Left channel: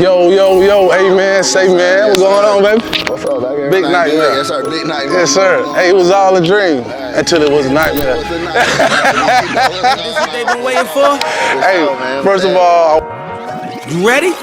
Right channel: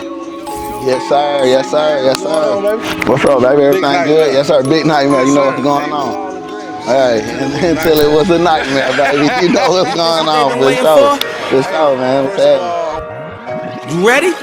Yo, hey man, say man, what's going on, baby? What's up, baby? Big night, good? man. Yes, sir, big night, man. Yes, sir. Hey, it was all a dream until it was a nightmare. Until it was a nightmare, baby. You know what's going on. They've been waiting for? Hey, man. First of all, You ready?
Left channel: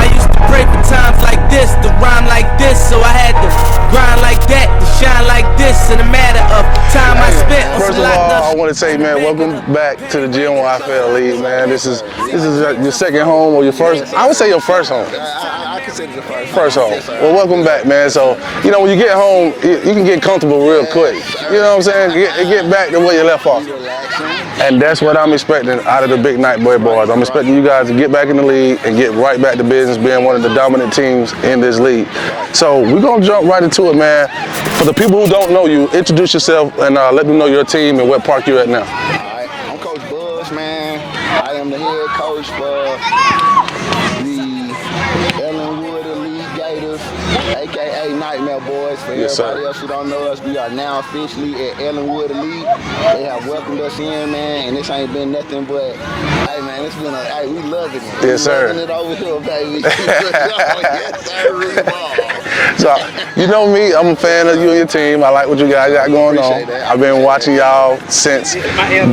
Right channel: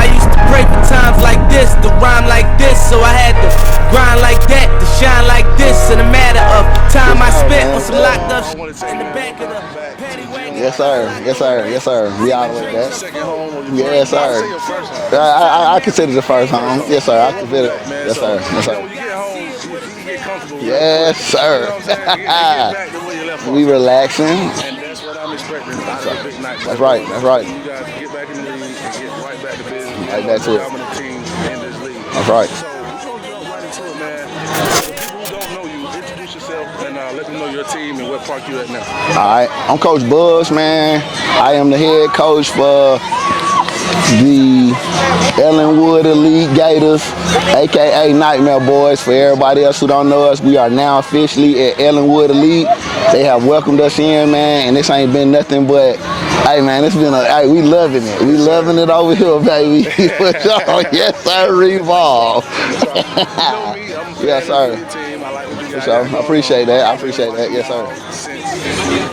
I used to pray for times like this, to rhyme like this, so I had to grind like that, to shine like this. In a matter of time I spent on some locked up. I want to say, man, welcome back to the GMYFL League, man. This is your second home or your first? I would say your first home. I consider it the first home. Yes, sir. Well, welcome back, man. So, you know, when you get home, you can get comfortable real quick. You know what I'm saying? Get back to where you left off. Be relaxing. And that's what I'm expecting out of the Big Night Boys. I'm expecting you guys to get back in the league and get right back to business, being one of the dominant teams in this league. So we're going to jump right into it, man. For the people who don't know you, introduce yourself and let them know your team and what park you're at now. All right, I'm Coach Boyz, man. I am the head coach for the Ellenwood Elite Gators, aka Nightmare Boys. For everybody else who don't know us, we are now officially at Ellenwood Elite. They have welcomed us in, man, and this ain't been nothing but, hey man, it's been we loving it. We loving it over here, baby. Yes, sir, revolve. So, you know me, I'm a fan of you and your team. I like what you guys got going on. Appreciate that. I've been watching y'all since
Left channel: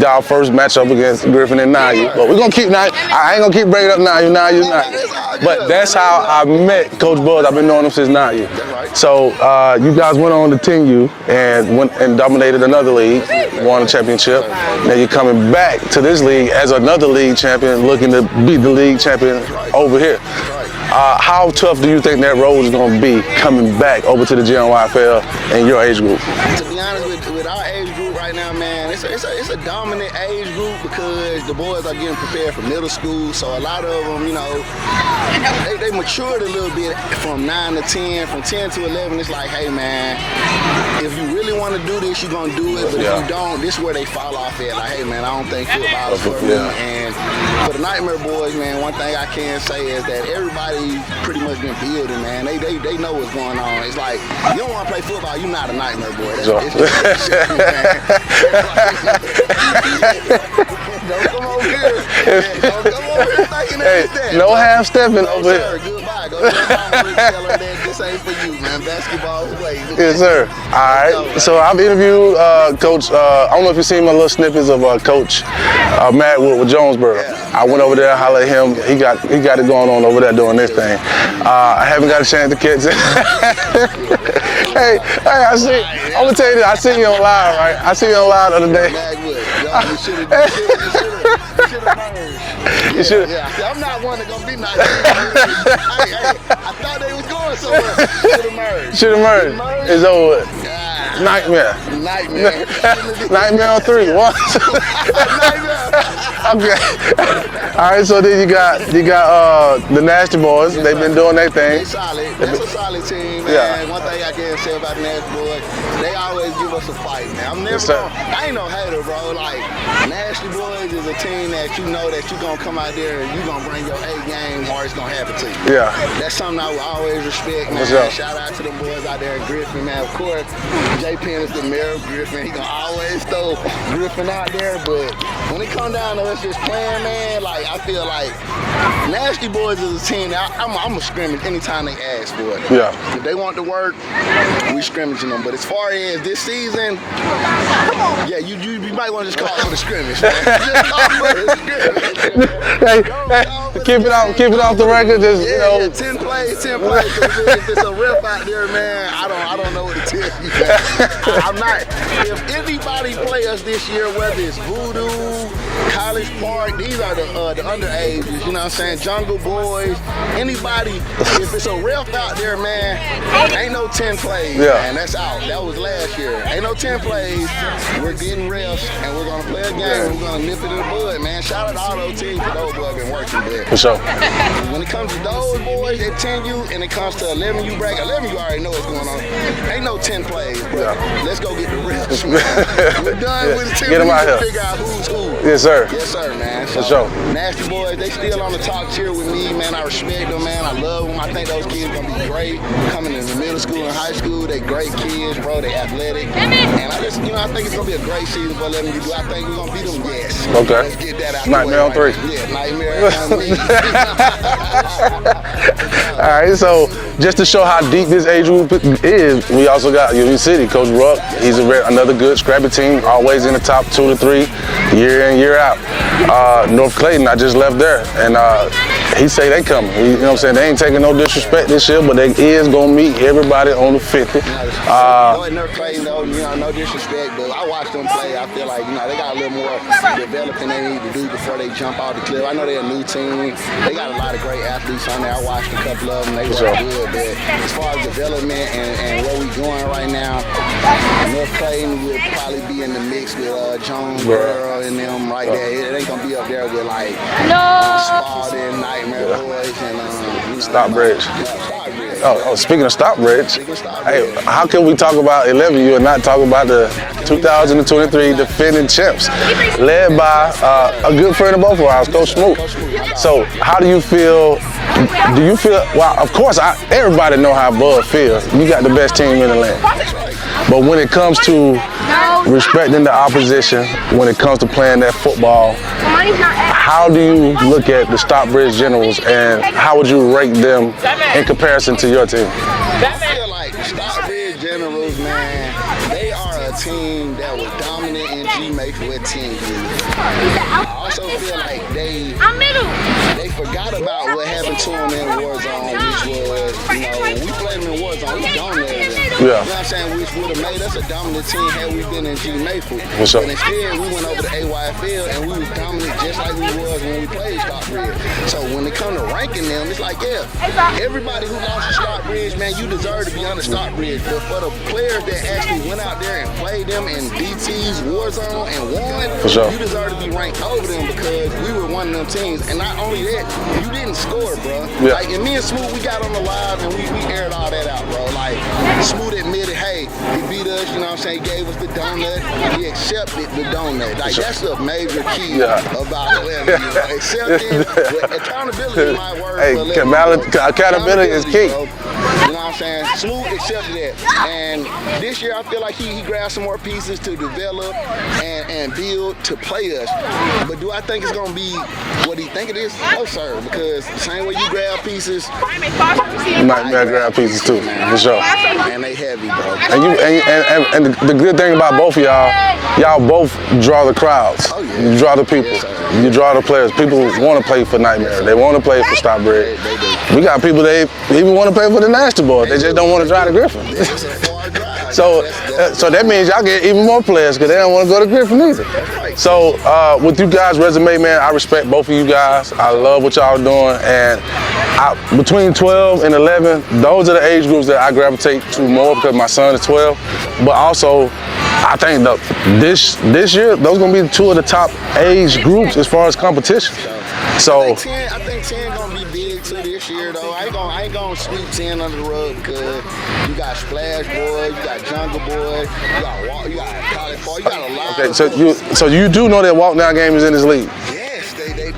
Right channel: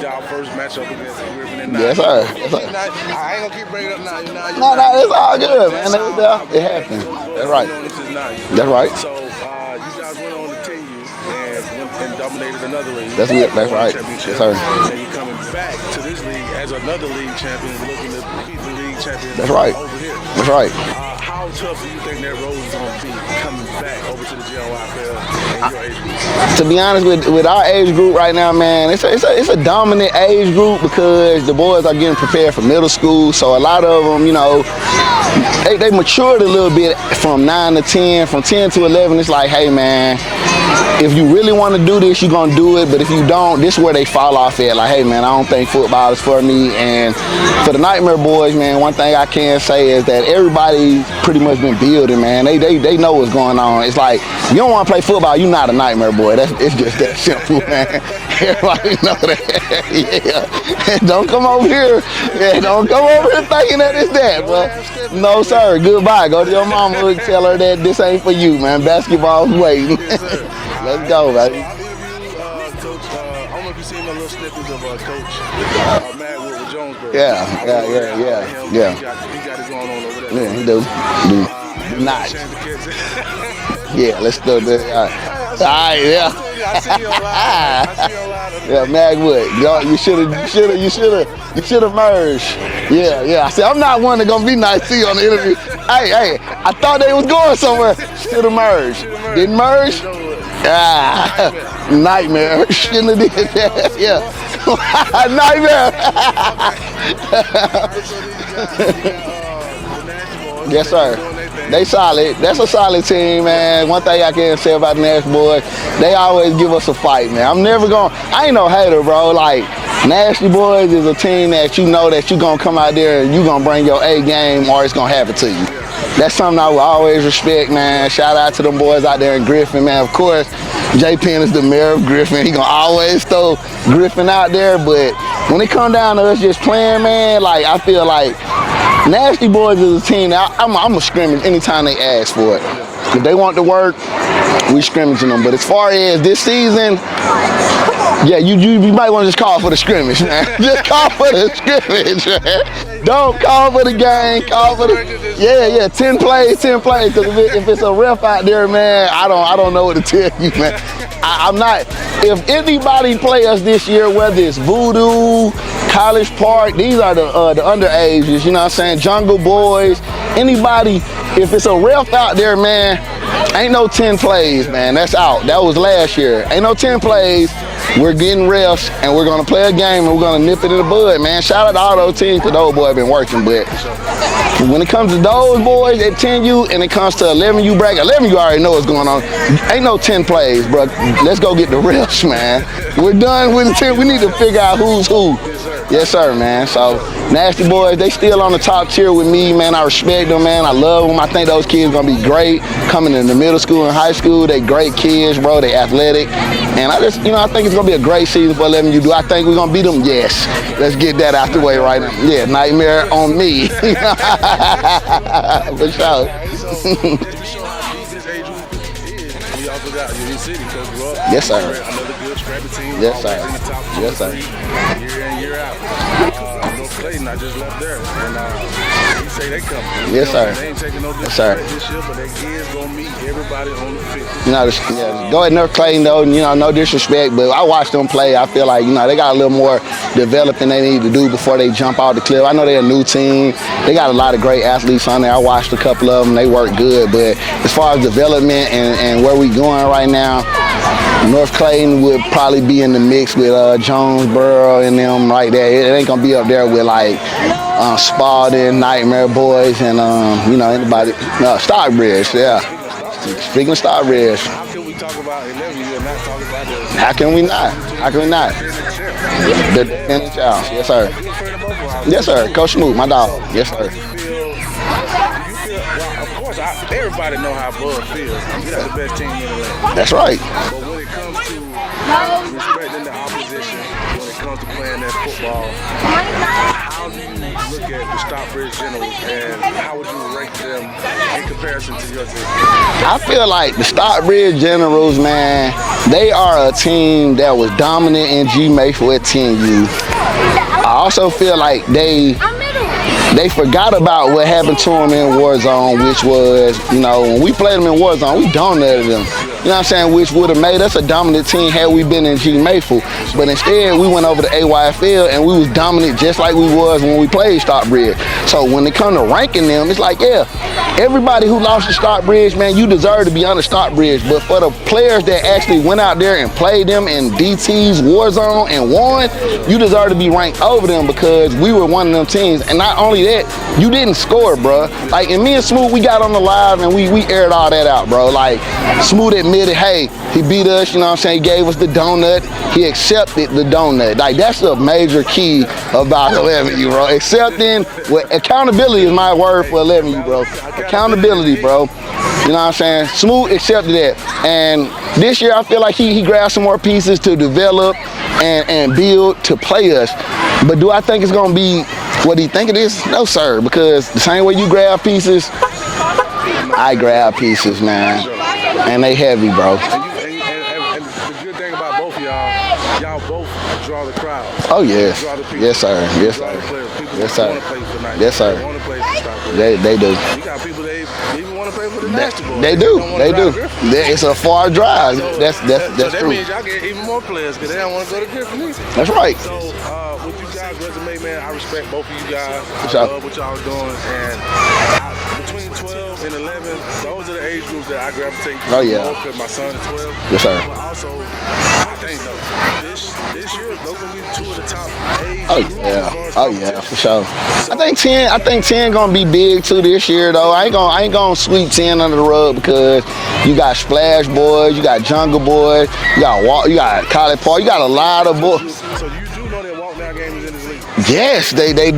our first matchup against Griffin and Nye. But we're gonna keep Nye. I ain't gonna keep bringing up Nye. But that's how I met Coach Boyz. I've been knowing him since 9 years. That's right. So you guys went on to 10U and went and dominated another league, won a championship. Now you're coming back to this league as another league champion, looking to beat the league champion over here. That's right. How tough do you think that road is going to be coming back over to the GMYFL and your age group? To be honest, with our age group right now, man, it's a dominant age group because the boys are getting prepared for middle school. So a lot of them, you know, they matured a little bit from 9 to 10. From 10 to 11, it's like, hey, man, if you really want to do this, you're going to do it. But if you don't, this is where they fall off at. Like, hey, man, I don't think football is for me. And for the Nightmare Boys, man, one thing I can say is that everybody pretty much been building, man. They know what's going on. It's like, you don't want to play football, you're not a Nightmare Boy. It's just that simple, man. Everybody know that. Yeah. Don't come over here. Yeah, don't come over here thinking that it's that. No half-stepping. No, sir. Goodbye. Go to your mama and tell her that this ain't for you, man. Basketball's waiting. Yes, sir. All right. Go, so I've interviewed Coach, I don't know if you've seen my little snippets of Coach Matt with Jonesboro. Yeah. I went over there and hollered at him. Yeah. He got it going on over there doing this thing. I haven't got a chance to catch it. Yeah, let's go. Hey, I'm gonna tell you this. I seen you on live, right? I seen you on live the other day. Magwood, you should have merged. Yeah. See, I'm not one that's gonna be nice to you on the interview. hey, I thought they was going somewhere. Should have merged. Didn't merge. It's over. Nightmare. Nightmare on 3. Yeah. Nightmare. Okay. All right. So then you got the Nasty Boys. They've been doing their thing. They solid. That's a solid team, man. One thing I can say about the Nasty Boys, they always give us a fight, man. I'm never I ain't no hater, bro. Like, Nasty Boys is a team that you know that you're going to come out there and you're going to bring your A game or it's going to happen to you. Yeah. That's something I will always respect, man. Shout out to them boys out there in Griffin, man. Of course, J. Penn is the mayor of Griffin. He going to always throw Griffin out there. But when it come down to us just playing, man, like, I feel like Nasty Boys is a team that I'm going to scrimmage anytime they ask for it. Yeah. If they want to work, we scrimmaging them. But as far as this season, yeah, you might want to just call for the scrimmage, man. Just call for the scrimmage, man. Don't call for the game. Keep it off the record. 10 plays. Because if it's a ref out there, man, I don't know what to tell you, man. I'm not. If anybody play us this year, whether it's Voodoo, College Park, these are the underages. You know what I'm saying? Jungle Boys. Anybody, if it's a ref out there, man, ain't no 10 plays, man. That's out. That was last year. Ain't no 10 plays. We're getting refs, and we're going to play a game, and we're going to nip it in the bud, man. Shout out to all those teams, because those boys have been working, but when it comes to those boys at 10U, and it comes to 11U bracket, 11U already know what's going on. Ain't no 10 plays, bro. Let's go get the refs, man. We're done with the 10. We need to figure out who's who. Yes, sir. Yes, sir, man. So, Nasty Boys, they still on the top tier with me, man. I respect them, man. I love them. I think those kids going to be great coming into middle school and high school. They great kids, bro. They athletic. And I just, I think it's going to gonna be a great season for 11u. Do I think we're gonna beat them? Yes. Okay. Let's get that out the way right now. Yeah, nightmare on me. All right, so just to show how deep this age group is, we also got Union City, Coach Rupp. Yes, he's another good scrappy team, yes, always sir. in the top 2 to 3, year in, year out. North Clayton, I just left there, and he say they coming. You know what I'm saying? They ain't taking no disrespect this year, but they is gonna meet everybody on the 50th. You know, go at North Clayton though, you know, no disrespect, but I watched them play. I feel like, you know, they got a little more developing they need to do before they jump out the cliff. I know they're a new team. They got a lot of great athletes on there. I watched a couple of them. They work good, but as far as development and where we going right now, North Clayton would probably be in the mix with Jonesboro and them right there. It ain't gonna be up there with like Spalding, Nightmare Boys, and you know, everybody. No, Stockbridge. Oh, yeah. Speaking of Stockbridge, Stockbridge. Hey, how can we talk about 11u and not talk about the 2023 defending champs, led by a good friend of both of ours, Coach Smoot. Coach Smoot, my dog. So, how do you feel? Do you feel? Well, of course, everybody know how Bud feels. You got the best team in the land. That's right. But when it comes to respecting the opposition, when it comes to playing that football, how do you look at the Stockbridge Generals and how would you rank them in comparison to your team? I feel like the Stockbridge Generals, man, they are a team that was dominant in GMYFL at 10U. I also feel like they forgot about what happened to them in Warzone, which was, you know, when we played them in Warzone, we dominated them. Yeah. You know what I'm saying? Which would have made us a dominant team had we been in GMYFL. But instead, we went over to AYFL and we was dominant just like we was when we played Stockbridge. So when it come to ranking them, it's like, yeah, everybody who lost to Stockbridge, man, you deserve to be on the Stockbridge. But for the players that actually went out there and played them in DT's Warzone and won, you deserve to be ranked over them because we were one of them teams. And not only that, you didn't score, bro. Yeah. Like, and me and Smoot, we got on the live and we aired all that out, bro. Like, Smoot admitted, hey, he beat us, you know what I'm saying? He gave us the donut. He accepted the donut. Like, that's a major key about 11u, bro. Accepting, accountability is my word for 11u, bro. Accountability, bro. You know what I'm saying? Smoot accepted that. And this year, I feel like he grabbed some more pieces to develop and build to play us. But do I think it's going to be what do you think it is? No, sir, because the same way you grab pieces, I grab pieces, man. For sure. And they heavy, bro. And the good thing about both of y'all both draw the crowds. Oh, yeah. You draw the people. Yes, sir. You draw the players. People want to play for Nightmare. Yes, sir. They want to play for Stockbridge. They do. We got people that even want to play for the Nasty Boys. They just don't want to drive to Griffin. It's a far drive. So that means y'all get even more players because they don't want to go to Griffin either. That's right. So with you guys' resume, man, I respect both of you guys. I love what y'all doing. And between 12 and 11, those are the age groups that I gravitate to more because my son is 12. Yes, sir. But also, I think this year, those gonna be 2 of the top age groups as far as competition. So I think 10 gonna be big too this year though. I ain't gonna sweep 10 under the rug because you got Splash Boys, you got Jungle Boys, you got College Park, you got a lot of books. So you do know that walk down game is in this league? Yes, they do.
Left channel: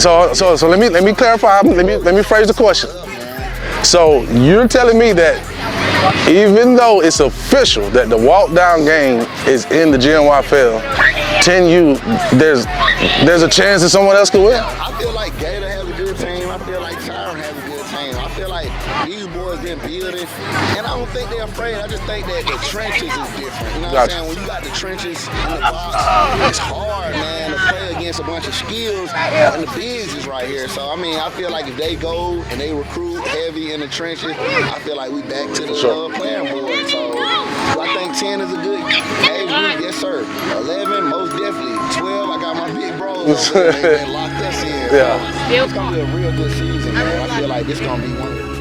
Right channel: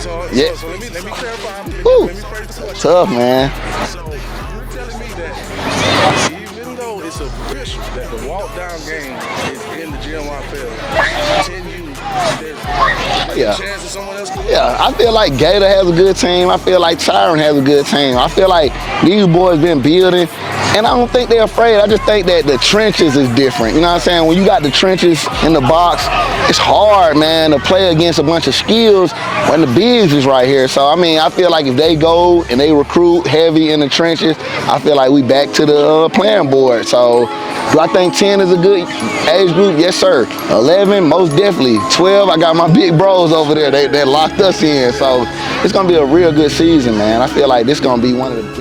So let me clarify. Let me phrase the question. Tough, man. So you're telling me that even though it's official that the walk down game is in the GMYFL, 10u, there's a chance that someone else can win. Yeah, I feel like Gator has a good team. I feel like Siren has a good team. I feel like these boys been building, and I don't think they're afraid. I just think that the trenches is different. You know what I'm saying? When you got the trenches in the box, it's hard, man, to play against a bunch of skills when the bigs is right here. So, I mean, I feel like if they go and they recruit heavy in the trenches, I feel like we back to the playing board. So, do I think 10 is a good age group? Yes, sir. 11, most definitely. 12, I got my big bros over there. They locked us in. So, it's going to be a real good season, man. I feel like this going to be one of the best.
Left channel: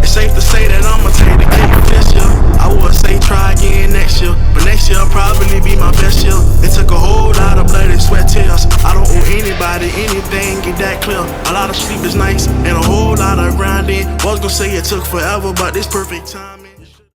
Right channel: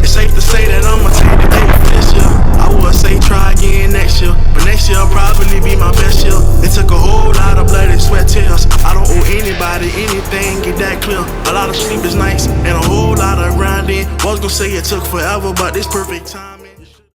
It's safe to say that I'ma take the cake this year. I would say try again next year, but next year will probably be my best year. It took a whole lot of blood and sweat tears. I don't owe anybody anything, get that clear. A lot of sleepless nights and a whole lot of grinding. Was gonna say it took forever, but this perfect time.